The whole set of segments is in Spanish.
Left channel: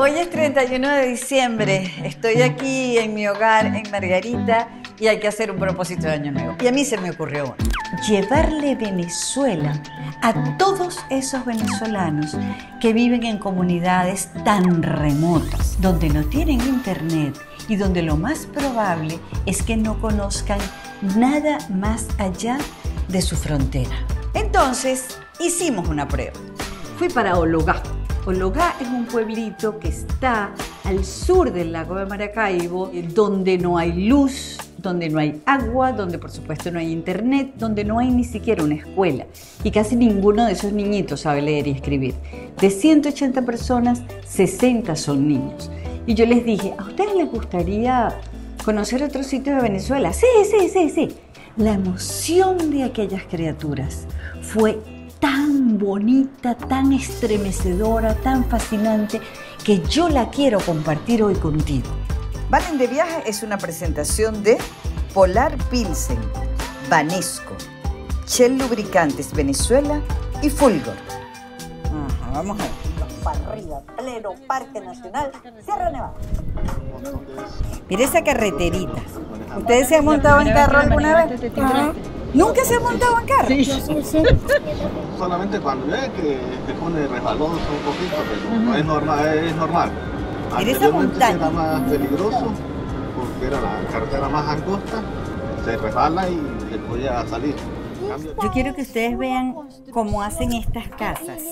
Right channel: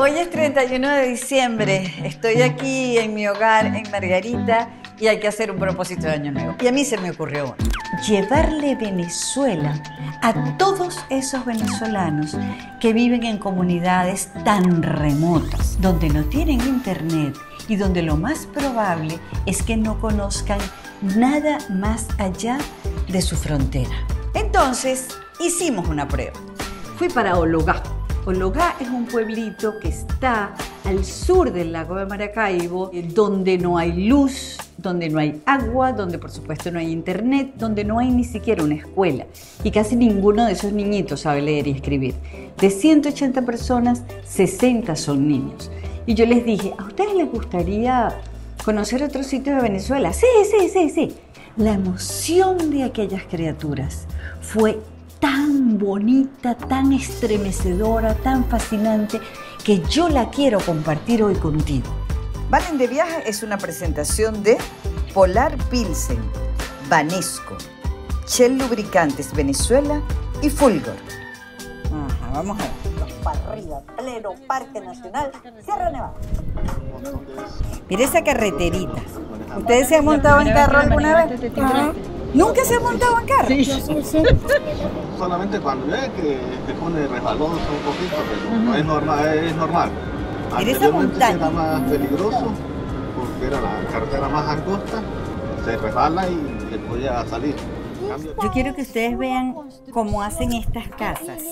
Hoy es 31 de diciembre, estoy aquí en mi hogar en Margarita y hay que hacer un propósito de año nuevo. Y a mí se me ocurrió uno. Llevarle Venezuela a todos esos venezolanos que viven en comunidades tan remotas, donde no tienen internet y donde lo más probable es que no conozcan nada más allá de su frontera. Entonces, hicimos una prueba. Fui para Ologá. Ologá es un pueblito que está al sur del lago de Maracaibo, donde no hay luz, donde no hay agua, donde por supuesto no hay internet, donde no hay ni siquiera una escuela. Y casi ninguno de esos niñitos sabe leer y escribir. De 180 personas, 60 son niños. Y yo les dije, ¿a ustedes les gustaría conocer otro sitio de Venezuela? Sí. La emoción de aquellas criaturas fue tan bonita, tan estremecedora, tan fascinante, que yo la quiero compartir hoy contigo. Valen de Viaje es una presentación de Polar Pilsen, Banesco, Shell Lubricantes Venezuela y Fulgor. Ajá, vamos a ver. Los para arriba, pleno Parque Nacional, Sierra Nevada. Mira esa carreterita. ¿Ustedes se han montado en carro alguna vez? ¿Nunca se han montado en carro? Sí. Solamente cuando ve que se pone resbaloso un poquito, pero no es normal. Mira esa montaña. Era más peligroso porque era la carretera más angosta, se resbala y se podía salir. Yo quiero que ustedes vean cómo hacen estas casas.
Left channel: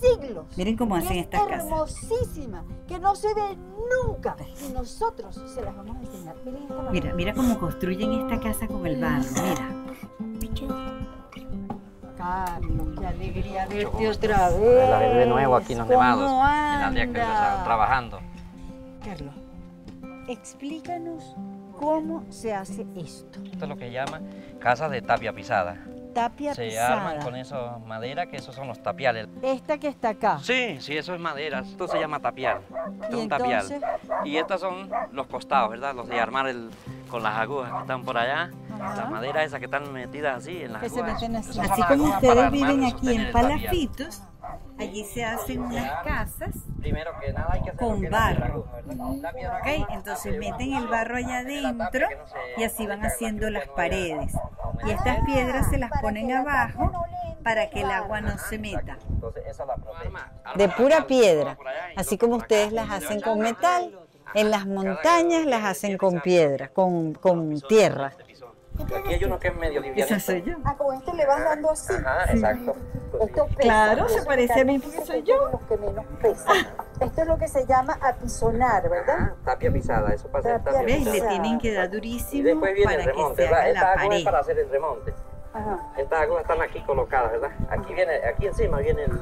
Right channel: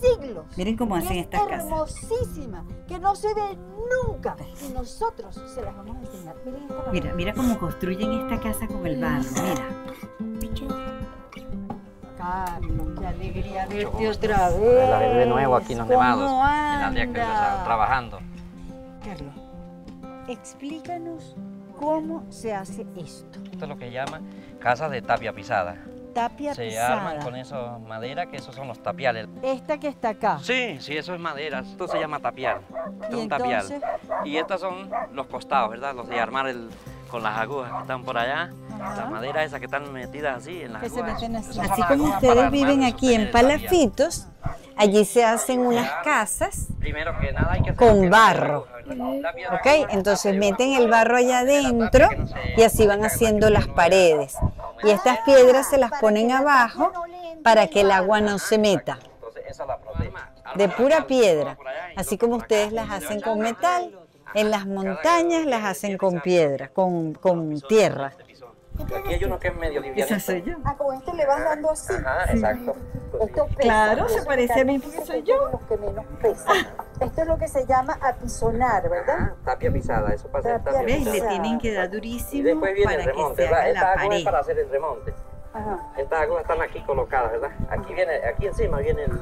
Siglos. Miren cómo hacen estas casas. Hermosísima, que no se ve nunca. Y nosotros se las vamos a enseñar. Miren esta Mira cómo construyen esta casa con el barro, mira. Carlos, qué alegría verte otra vez. La vez de nuevo aquí en los Nevados, ¿Cómo en la aldea que anda? estaba trabajando. Carlos, explícanos cómo se hace esto. Esto es lo que se llama casa de tapia pisada. Tapia Se pisada. arman con eso madera, que esos son los tapiales. Esta que está acá. Sí, eso es madera. Esto se llama tapial. Esto es ¿Y un tapial. entonces? Y estos son los costados, ¿verdad? Los de armar con las agujas que están por allá. Ajá. Las maderas esas que están metidas así en las Que se agujas. meten así. Esas son Así las como agujas para ustedes armar viven y aquí en sostener el tapial. Palafitos, allí se hacen unas casas Primero que nada hay que hacer con que barro. la piedra ¿Ok? Entonces meten el barro allá adentro y así van haciendo las paredes. Y estas piedras se las ponen abajo para que el agua no se meta. Entonces, esa la arma De pura piedra. Así como ustedes las hacen con metal, en las montañas las hacen con piedra, con tierra. Aquí hay uno que es medio liviano. Esa soy yo. Ah, con esto le vas dando así. Ajá, exacto. Esto pesa. Claro, se Esos parece a mí carros porque son soy yo. Los que menos pesan. Esto es lo que se llama apisonar, ¿verdad? Ah, tapia pisada, eso pasa en tapia ¿Ves? Le pisada. tienen que dar Y durísimo después viene para el que remonte, se ¿verdad? haga Estas la agujas es pared. para hacer el remonte. Ajá. Estas agujas están aquí colocadas, ¿verdad? Aquí encima viene el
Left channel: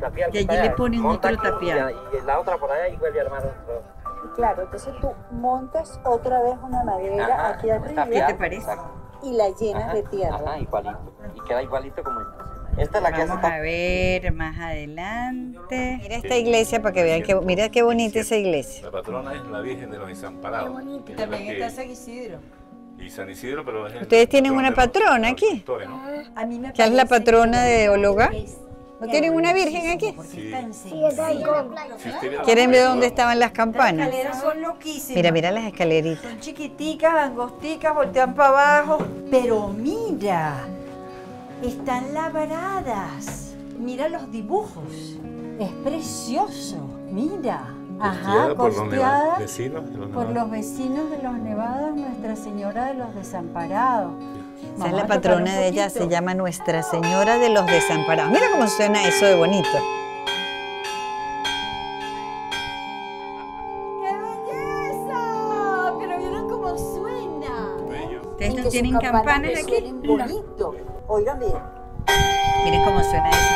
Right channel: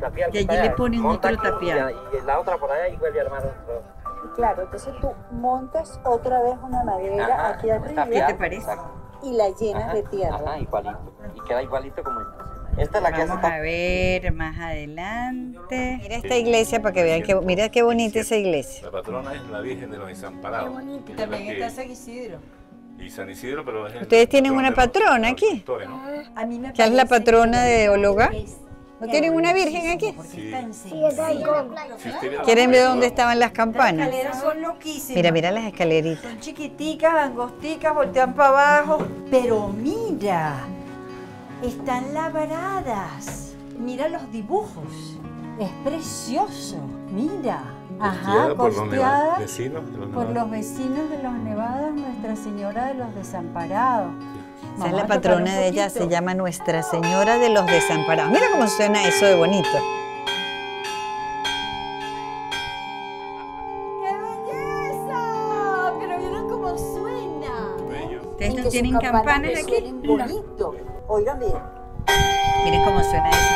tapial. Y allí que está le allá. ponen Monta otro aquí tapial. Y la otra por allá y vuelve a armar otro. Claro, entonces tú montas otra vez una madera Ajá, aquí arriba ¿Qué te parece? exacto. y la llenas Ajá, de tierra. Ajá, igualito. Y queda igualito como esta. Esta es la que hace Vamos a ver más adelante. Mira esta iglesia para que vean que mira qué bonita esa iglesia. La patrona es la Virgen de los Desamparados. También está San Isidro. Y San Isidro, pero es el ¿Ustedes tienen patrón una de los patrona aquí? agricultores, ¿no? A mí me ¿Qué es la parece patrona que de Ologá? es ¿No tienen una virgen aquí? porque Sí. está en Si usted viera- ¿Quieren ver dónde estaban las Las campanas? escaleras son loquísimas. Mira las escaleritas. Son chiquiticas, angosticas, voltean para abajo. Pero mira, están labradas. Mira los dibujos. Es precioso. Mira. Ajá, Costeada por los costeada vecinos de los por Nevados. los vecinos de los Nevados, Nuestra Señora de los Desamparados. Esa es Vamos a la tocar patrona un de ella, poquito. se llama Nuestra Señora de los Desamparados. Mira cómo suena eso de bonito. ¡Qué belleza! Pero vieron cómo suena. Bello. ¿Ustedes Y no que tienen sus campanas me aquí? suenen bonito. Oigan bien. Miren cómo suena eso.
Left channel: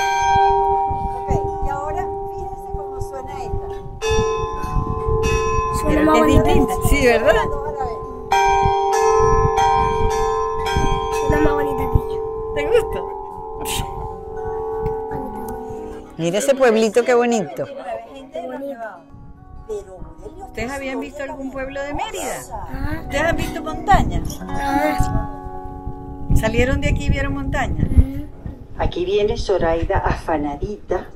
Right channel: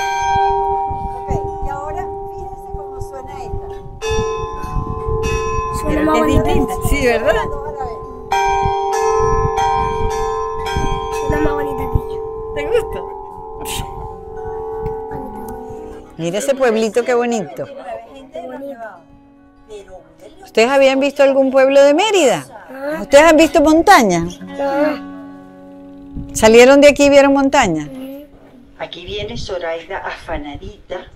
Ok, y ahora fíjense cómo suena esta. Pero que es distinta. Sí, ¿verdad? Las dos a la vez. Una más bonita que yo. ¿Te gusta? Mira ese pueblito qué bonito. ¿Ustedes habían visto algún pueblo de Mérida? ¿Ustedes han visto montaña? ¿Salieron de aquí y vieron montaña? Aquí viene Zoraida afanadita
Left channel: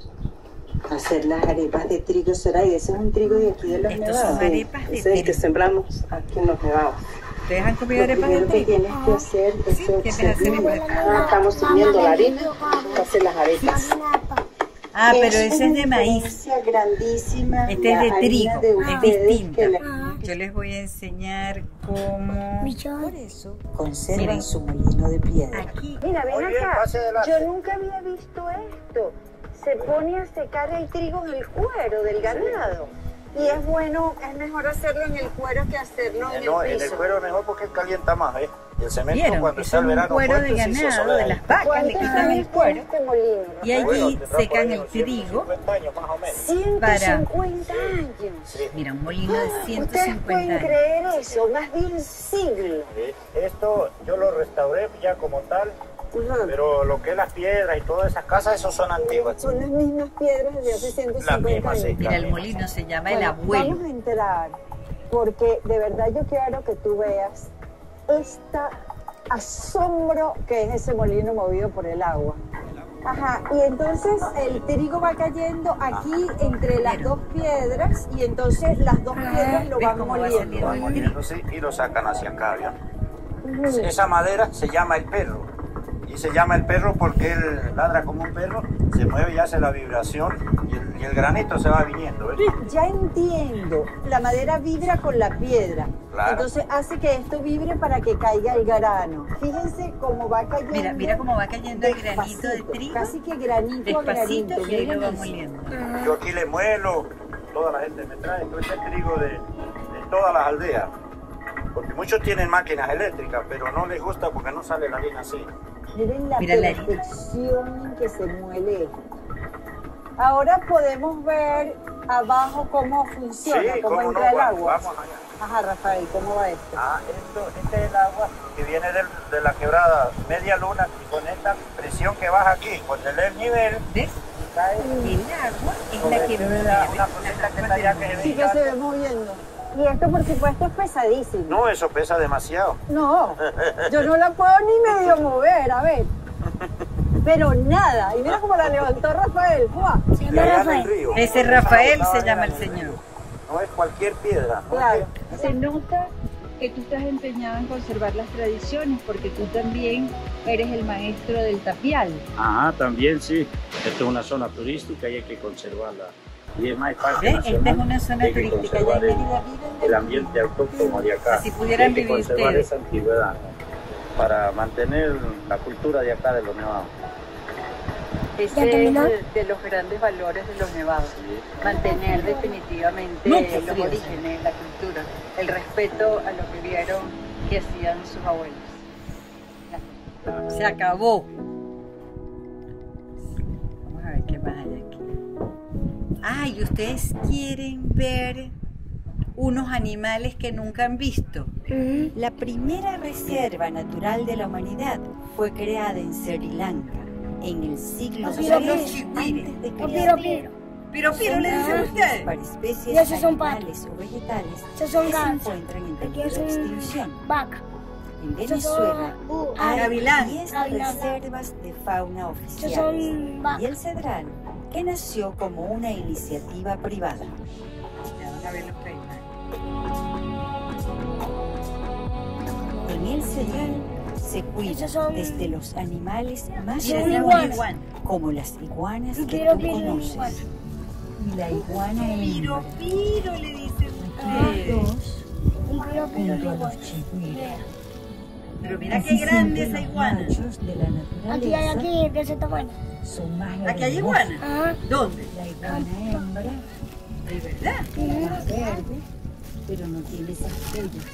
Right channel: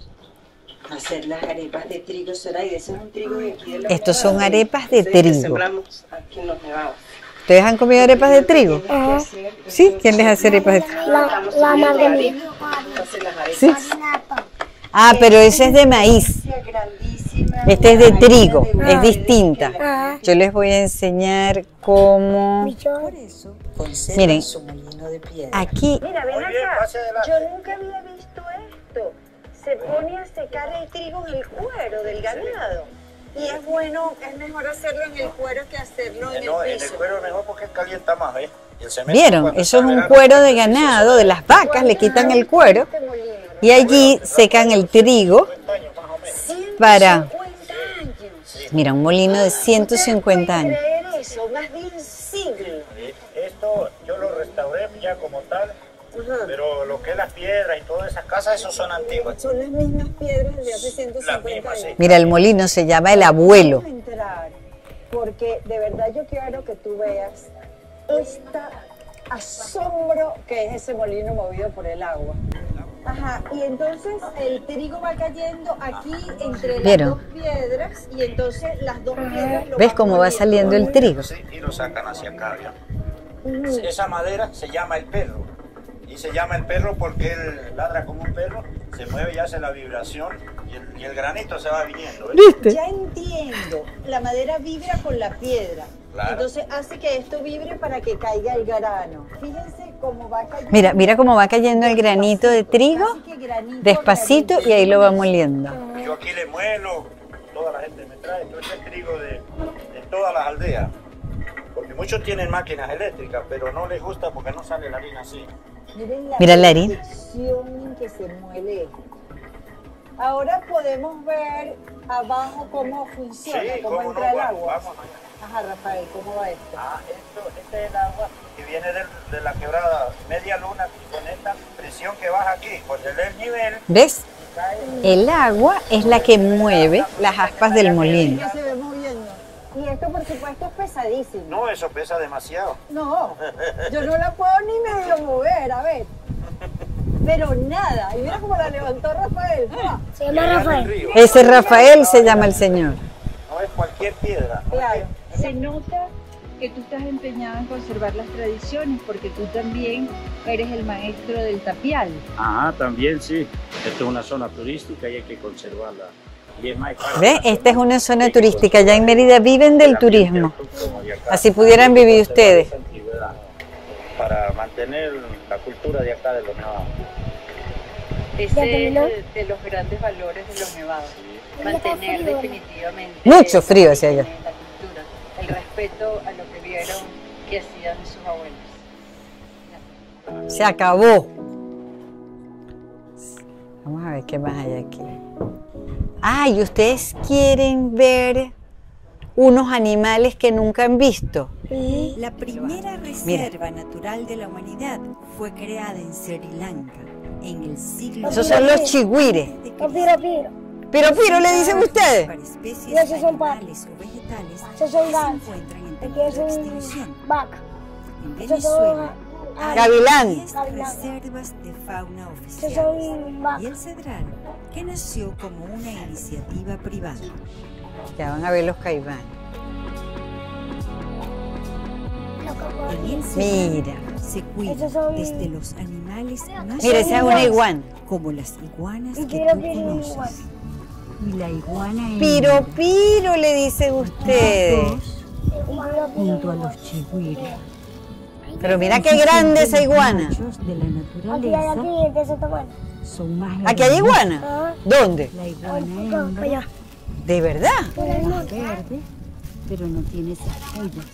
hacer las arepas de trigo, Zoraida. Ese es un trigo de aquí de los Estos son nevados. arepas de Ese es el que trigo. sembramos aquí en los nevados. ¿Ustedes han comido arepas de trigo? Sí, ¿quién les hace arepas de trigo? Estamos subiendo la harina, hace las arepas. Sí. Ah, pero ese es de maíz. Grandísima. Este es de trigo, es ustedes distinta. que la- Yo les voy a enseñar cómo... Por eso conservan Miren, su molino de piedra. aquí Mira, ven acá. Yo nunca había visto esto. Se pone a secar el trigo en el cuero del ganado. Y es bueno, es mejor hacerlo en el cuero que hacerlo en No, el en el piso. cuero es mejor porque calienta más, ¿eh? Y el cemento, ¿vieron? cuando Eso es está un verano, cuero de pues, sí, ganado, eso de las vacas, le quitan el cuero Este molino, y allí secan el trigo 50 años más o menos. 150 para... años. Mira, un molino de 150 años. ¿Ustedes pueden creer eso? Más de un siglo. Esto yo lo restauré ya como tal, pero lo que es las piedras y todas esas casas, esos son antiguas. Son las mismas piedras de hace 150 mismas, sí. años. Mira, el molino se llama El Abuelo. Vamos a entrar, porque de verdad yo quiero que tú veas este asombro que es ese molino movido por el agua. Ajá, y entonces el trigo va cayendo aquí entre las ¿Vieron? dos piedras y entonces las dos piedras lo ¿Ves van cómo va moliendo. saliendo el trigo? Sí, y lo sacan hacia acá, ¿vieron? Esa madera se llama el perro. Y se llama el perro porque él ladra como un perro, se mueve y hace la vibración y el granito se va viniendo. ¿Ves? Ya entiendo, la madera vibra con la piedra. Claro. Entonces hace que esto vibre para que caiga el grano. Fíjense cómo va cayendo. Mira cómo va cayendo el granito de trigo, Casi que granito, despacito, granito. y ahí lo va moliendo. Yo aquí le muelo, toda la gente me trae todo este trigo de todas las aldeas. Porque muchos tienen máquinas eléctricas, pero no les gusta porque no sale la harina así. Miren Mira la harina. perfección en que se muele esto. Ahora podemos ver abajo cómo funciona, cómo cómo entra el no, agua. vamos allá. Ajá, Rafael, ¿cómo va esto? Este es el agua que viene de la quebrada Media Luna y con esta presión que baja aquí, pues el nivel ¿Ves? cae. El agua es la que mueve las aspas del molino. Que se ve moviendo. Y esto, por supuesto, es pesadísimo. No, eso pesa demasiado. No, yo no la puedo ni medio mover, a ver. Pero nada. Y mira cómo la levantó Rafael. ¡Fua! Se Y llama allá en el Rafael. río. Ese Rafael se llama el señor. No es cualquier piedra. no es Claro. Se nota que tú estás empeñado en conservar las tradiciones porque tú también eres el maestro del tapial. Ajá, también sí. Esto es una zona turística y hay que conservarla. Y es más para ¿Ves? Esta es una zona turística. Allá en Mérida viven del turismo. Así pudieran Hay que vivir conservar ustedes. esa antigüedad para mantener la cultura de acá de los nevados. Ese es de los grandes valores de los nevados. Mantener definitivamente Mucho lo frío que hacia allá. tiene la cultura, el respeto a lo que vieron que hacían sus abuelos. Se acabó. Vamos a ver qué más hay aquí. Ah, y ustedes quieren ver unos animales que nunca han visto. La primera reserva natural de la humanidad fue creada en Sri Lanka en el siglo Esos son los chigüires. de Piro, Cristo. piro. Piro, piro, le dicen ustedes. Para especies Esos son animales o vegetales Esos son que se gansos. encuentran en Esos peligro de son extinción. vaca. En Esos Venezuela son hay Gavilán. 10 reservas de fauna Esos oficiales son vaca. y el Cedral, que nació como una iniciativa privada. Ya van a ver los caimanes. En el Cedral Mira. se cuida Esos son- desde los animales más Mira, esa es una iguana. como las iguanas que Piro, tú piro, conoces. iguana. Y la iguana Piro, piro, le dicen ustedes. junto a los chigüires. Pero mira qué grande esa iguana. Machos de la Aquí hay naturaleza aquí, de ese tamaño. son más ¿Aquí hay iguana? Ah, ¿Dónde? La iguana no, allá. hembra ¿De verdad? es más verde, pero no tiene estrellas.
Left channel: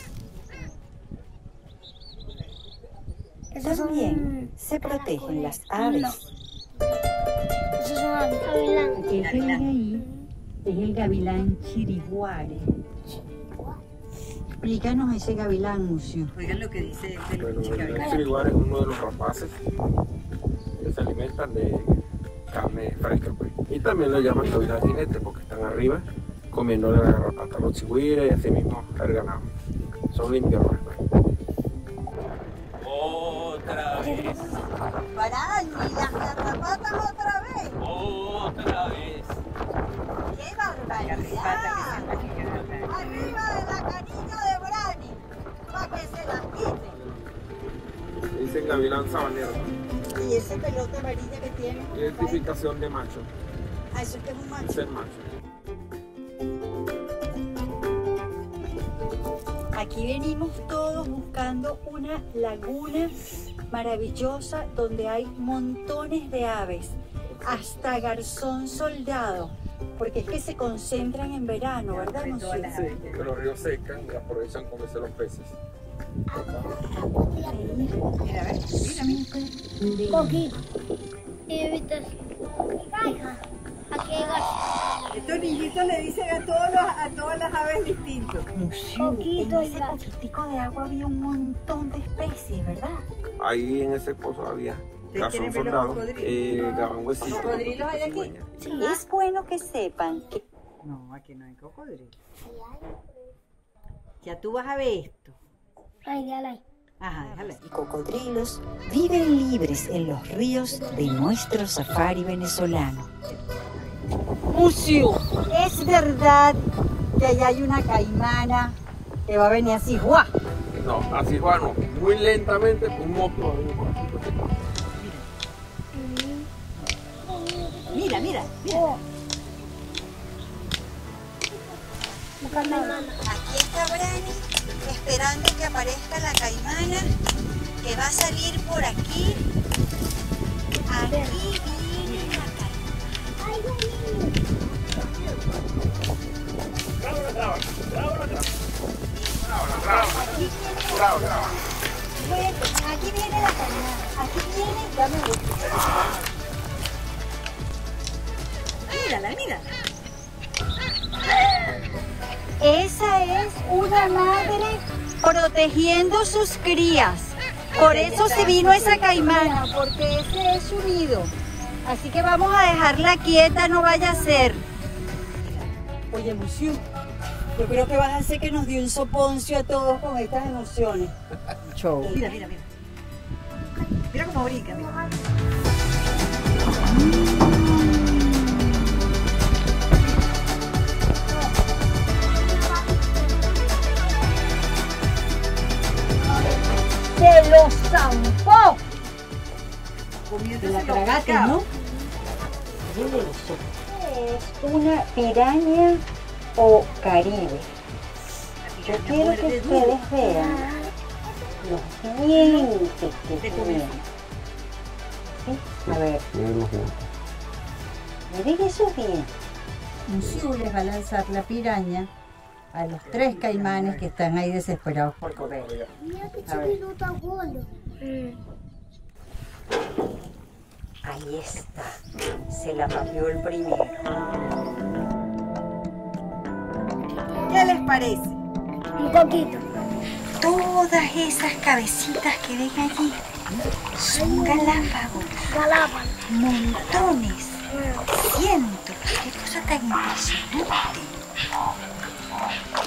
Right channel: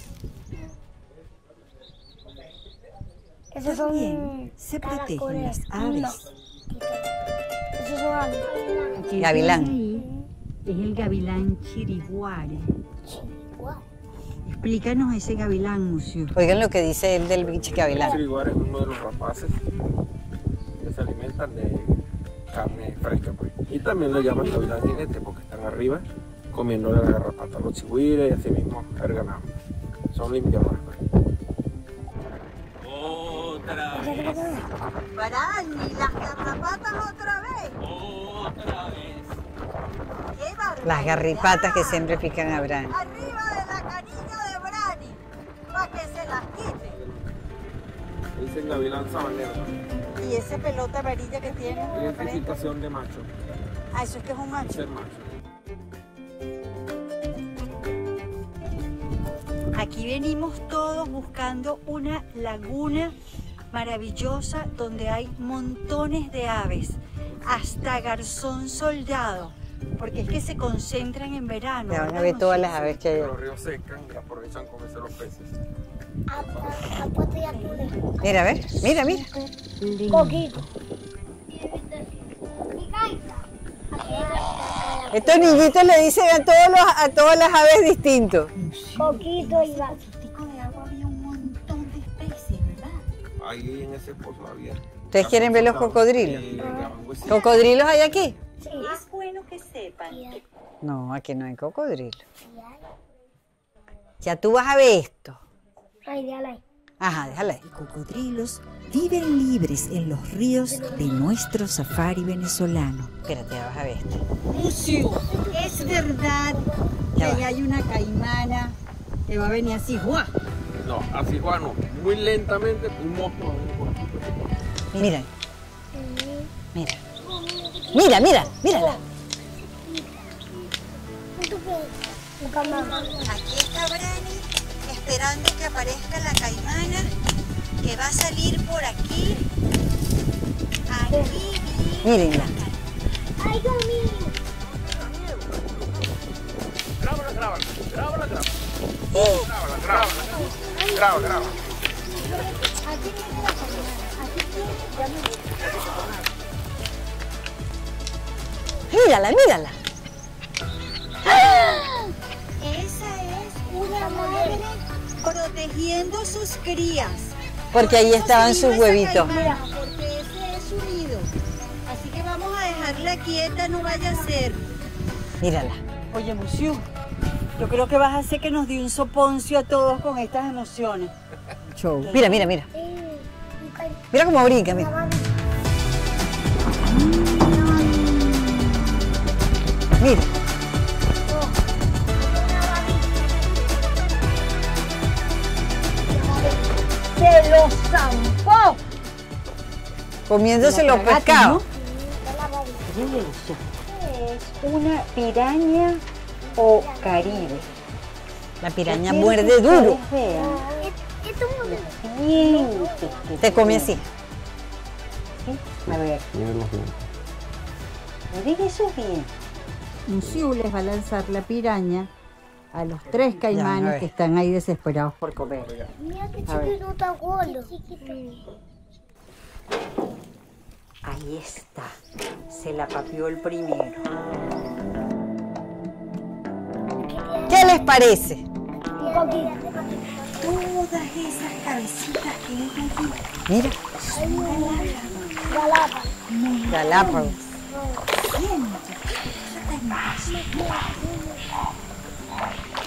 Esos son También se protegen caracoles. las aves. Esos son gavilán. Aquel Gavilán. de ahí es el gavilán chiriguare. Explícanos ese gavilán, Mucio. Oigan lo que dice él del bicho El gavilán. chiriguar es uno de los rapaces que se alimentan de carne fresca, pues. Y también lo llaman gavilán jinete porque están arriba comiendo la garrapata a los chigüires y así mismo el ganado. Son limpiadores, pues. Otra vez, Pará, y las garrapatas otra vez. otra vez. Las garripatas que siempre pican a Brani. Arriba de la canilla de Brani, para que se las quite. Dicen gavilán sabanero. ¿Y ese pelota amarilla que tiene? Identificación de macho. Ah, eso es que es un macho. Ser macho. Aquí venimos todos buscando una laguna maravillosa donde hay montones de aves, hasta garzón soldado, porque es que se concentran en verano. Van a ver todas las aves que hay. Los ríos secan y aprovechan comerse los peces. Mira, ¿ves? Mira, mira. Estos niñitos le dicen a todas las aves distintos. En ese poquitico de agua había un montón de especies, ¿verdad? Ahí en ese pozo había. ¿Ustedes quieren ver los cocodrilos? ¿Cocodrilos hay aquí? Es bueno que sepan que... No, aquí no hay cocodrilo. Ya tú vas a ver esto. Ajá, déjala ahí. Cocodrilos viven libres en los ríos de nuestro safari venezolano. Espérate, ya vas a ver esto. Museo, es verdad que ahí hay una caimana que va a venir así, ¡guau! No, así Juan, muy lentamente, un monstruo. Mira. Mira, mira, mírala. Aquí está Brani esperando que aparezca la caimana que va a salir por aquí. Aquí viene Miren. la caimana. Graba. Aquí viene la caimana. Aquí viene, ya me voy. Mírala, mírala. Esa es una madre protegiendo sus crías. Porque Por ahí eso estaban se sus vino esa huevitos. caimana, porque ese es su nido. Así que vamos a dejarla quieta, no vaya a ser. Mírala. Oye, Musiu, yo creo que vas a hacer que nos dio un soponcio a todos con estas emociones. Mira, mira, mira. Mira cómo brinca, mira. Mira. ¡Se los zampó! Comiéndose los pescados. Es una piraña o caribe. La piraña Yo quiero muerde que duro. ustedes vean los dientes que Te come tiene. así. ¿Sí? A ver. Miren esos dientes. Musiu les va a lanzar la piraña a los 3 caimanes que están ahí desesperados por comer. Mira qué A ver. chiquito tan gordo. Ahí está. Se la papió el primero. ¿Qué les parece? Todas esas cabecitas que ven allí Mira. son galápagos. Galápagos. Montones. Cientos. Qué cosa tan impresionante.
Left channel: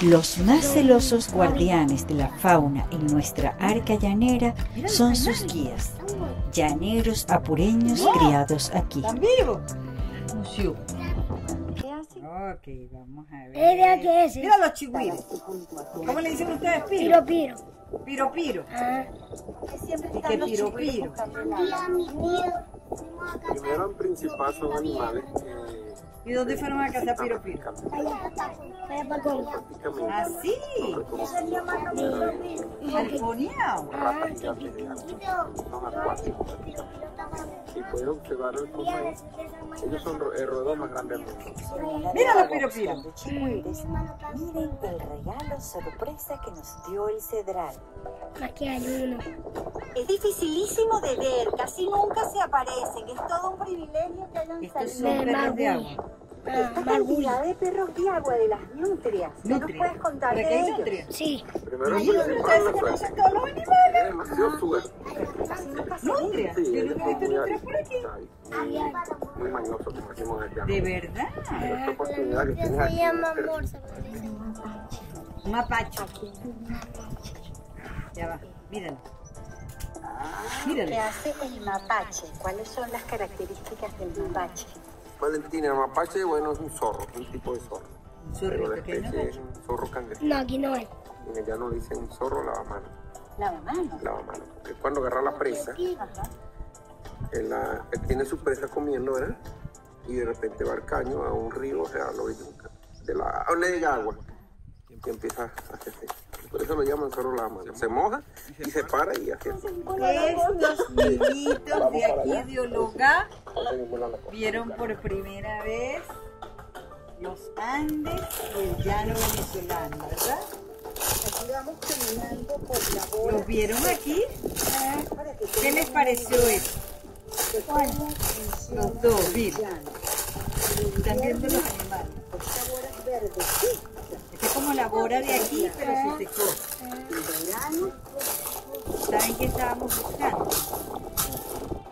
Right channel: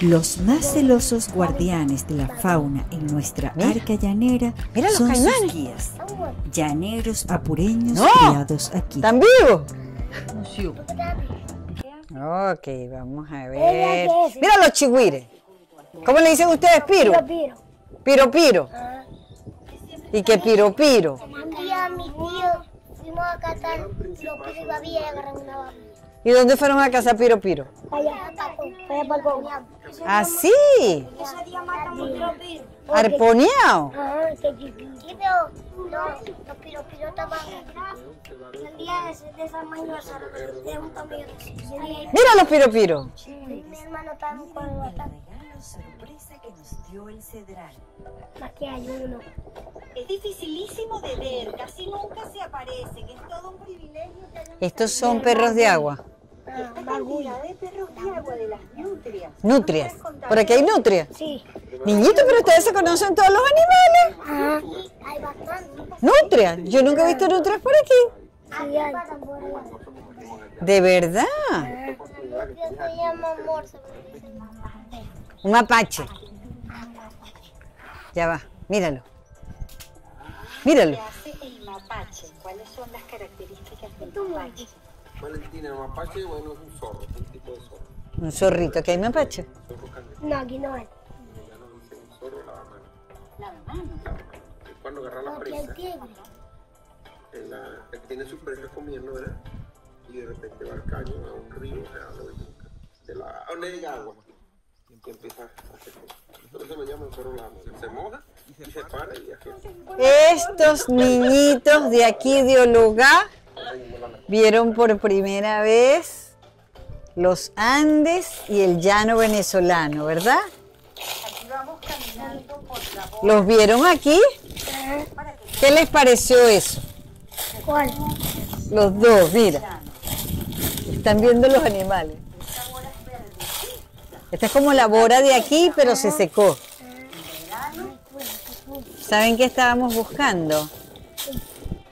Los más celosos guardianes de la fauna en nuestra arca llanera Mira los son caimanes. sus guías. Llaneros apureños No. criados aquí. ¿Están vivos? Musiu. Ok, vamos a ver. Mira los chigüires. ¿Cómo le dicen ustedes? Piro. Piro, piro. ¿Y qué piro, piro? Un día mi tío fuimos a cazar lo que había ¿Y dónde fueron a cazar piro, piro? allá para Congo. ¿Ah, sí? Arponeado. Sí, pero no, los piropiros estaban un día de esa mañana. Mira los piro, piro. Mi hermano estaba con el regalo sorpresa que nos dio el cedral. Aquí hay uno. Es dificilísimo de ver, casi nunca se aparecen, es todo un privilegio que hayan Estos salido. son perros de agua. Esta cantidad de perros de agua, de las nutrias. Nutrias. ¿Por aquí hay nutrias? Sí. Niñitos, pero ustedes se conocen todos los animales. Hay bastantes. Nutrias. Yo nunca he visto nutrias por aquí. Sí, hay. De verdad. Se llama morsa. Un mapache. Ya va, míralo. Míralo. ¿Qué hace el mapache? ¿Cuáles son las características del mapache? Valentina, mapache, bueno, es un zorro, un tipo de zorro. Un zorrito, ¿qué hay mapache? Zorro cangrejo. No, aquí no es. Ya no le dicen zorro lavamano. ¿Lavamano? Lavamano. Es cuando agarra la presa. Él tiene su presa comiendo, ¿verdad? Y de repente va al caño, a un río, o sea, a la orilla de la agua. Y empieza a hacer eso. Por eso lo llaman zorro lavamano. Se moja y se para y hace así. Estos niñitos de aquí de Ologá vieron por primera vez los Andes y el llano venezolano, ¿verdad? Aquí vamos caminando por la boda. ¿Los vieron aquí? ¿Qué les pareció eso? ¿Cuál? Los dos, mira. Están viendo los animales. Esta es como la bora de aquí, pero se secó. ¿Saben qué estábamos buscando?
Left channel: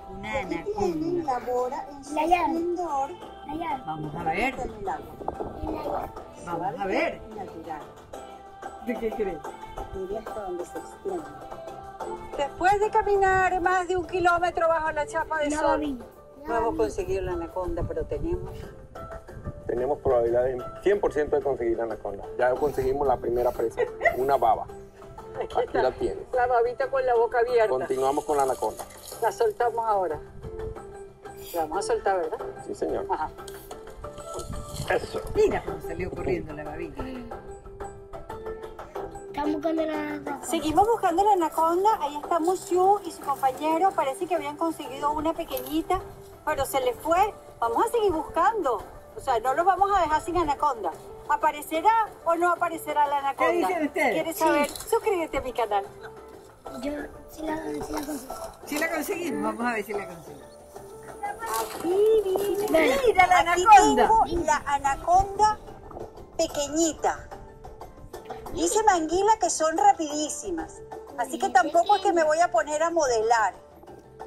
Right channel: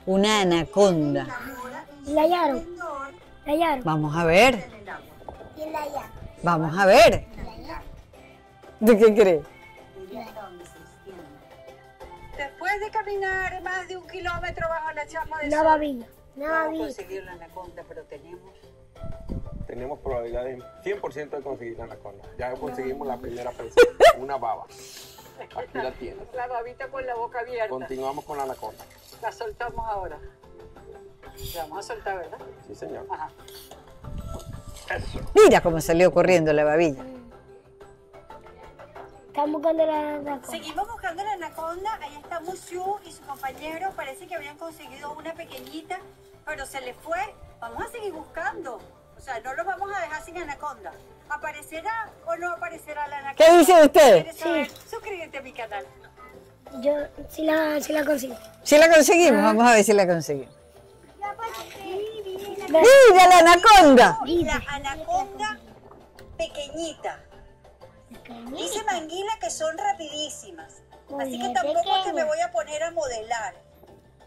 Una anaconda. La hallaron. La hallaron. Vamos a ver. Y la hallaron. Vamos a ver. ¿De qué crees? Después de caminar más de 1 kilómetro bajo la chapa de sol, No hemos conseguido la anaconda, pero Tenemos probabilidades 100% de conseguir la anaconda. Ya conseguimos la primera presa, una baba. Aquí la tienes. la babita con la boca abierta. Continuamos con la anaconda. La soltamos ahora. La vamos a soltar, ¿verdad? Sí, señor. Ajá. Eso. Mira cómo salió corriendo la babilla. Están buscando la anaconda. seguimos buscando la anaconda. Ahí está Musiu y su compañero. Parece que habían conseguido una pequeñita, pero se les fue. Vamos a seguir buscando. O sea, no los vamos a dejar sin anaconda. ¿Aparecerá o no aparecerá la anaconda? ¿Qué dicen ustedes? ¿Quieres saber? Suscríbete a mi canal. Yo sí la consigo. ¿Sí la conseguimos? Vamos a ver si la conseguimos. Mira ¡Mira la anaconda! la anaconda pequeñita. Dice Manguila que son rapidísimas. Así que tampoco es que me voy a poner a modelar.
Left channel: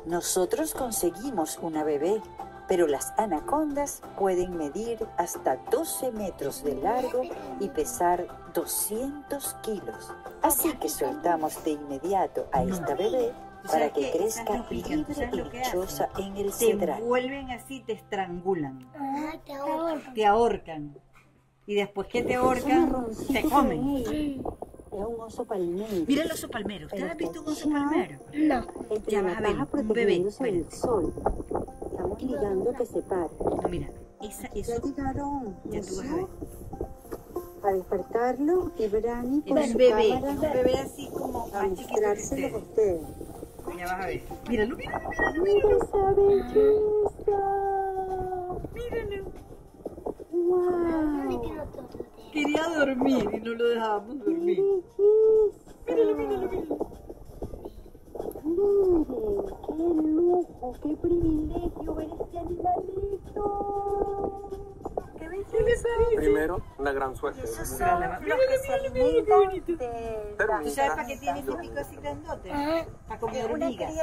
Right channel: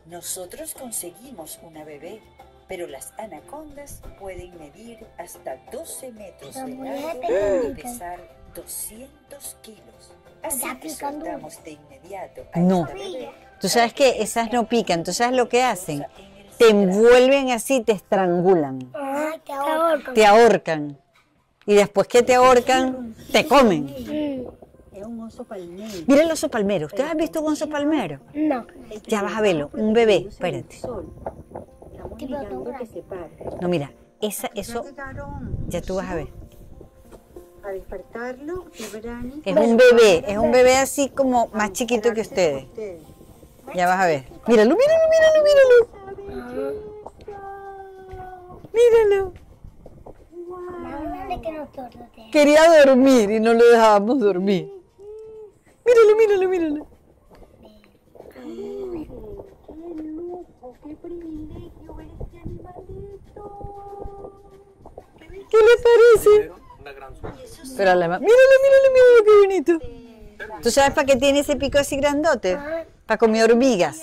Nosotros conseguimos una bebé, pero las anacondas pueden medir hasta 12 metros de largo y pesar 200 kilos. Así que soltamos de inmediato a No. esta bebé. Tú sabes que esas no pican. ¿Tú sabes lo que hacen? Te envuelven así, te estrangulan, Ay, te ahorcan. te ahorcan. Y después que te ahorcan, te comen. Es un oso palmero. Mira el oso palmero. ¿Ustedes han visto un oso palmero? No. Ya vas a verlo, un bebé. Espérate. Estamos obligando que se pare. No, mira, eso, Ya llegaron. ya tú vas a ver. A despertarlo y Brani. Es un bebé así como más chiquito que ustedes. Ya vas a ver. Míralo, míralo, míralo, míralo. Míralo. Dale que no torte. Quería dormir y no lo dejábamos dormir. Míralo, míralo, míralo. ¡Qué lujo! ¡Qué privilegio ver este animalito! ¿Qué le parece? Primero, una gran suerte. Pero míralo, míralo, míralo, qué bonito. ¿Tú sabes para qué tiene ese pico así grandote? Para comer hormigas.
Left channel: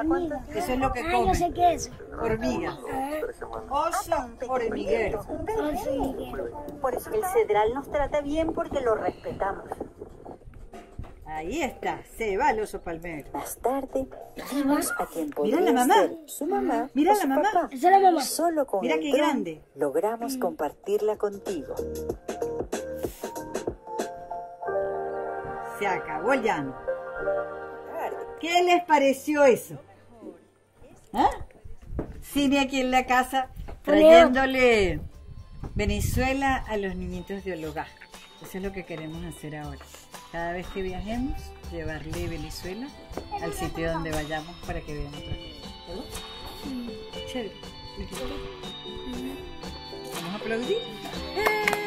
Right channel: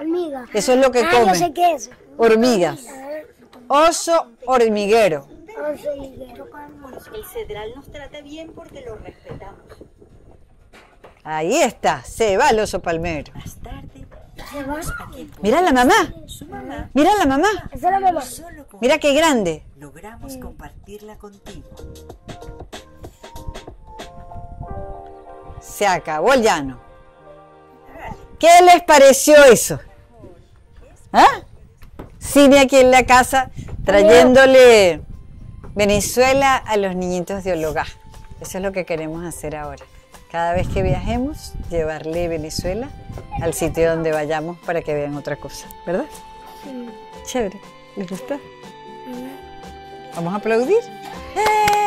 Hormiga. Eso es lo que Yo come. sé qué es. Hormigas. Oso hormiguero. El cedral nos trata bien porque lo respetamos. Ahí está, se va el oso palmero. Más tarde, vimos a quien Mira la mamá. ser su mamá. Mira la mamá. Esa es la mamá. Solo con Mira ella qué grande. logramos compartirla contigo. Se acabó el llano. ¿Qué les pareció eso? ¿Ah? Cine aquí en la casa, trayéndole Venezuela a los niñitos de Ologá. Eso es lo que queremos hacer ahora. Cada vez que viajemos, llevarle Venezuela al sitio donde vayamos para que vean otra cosa, ¿verdad? Chévere. ¿Les gustó? ¿Vamos a aplaudir? ¡Eh!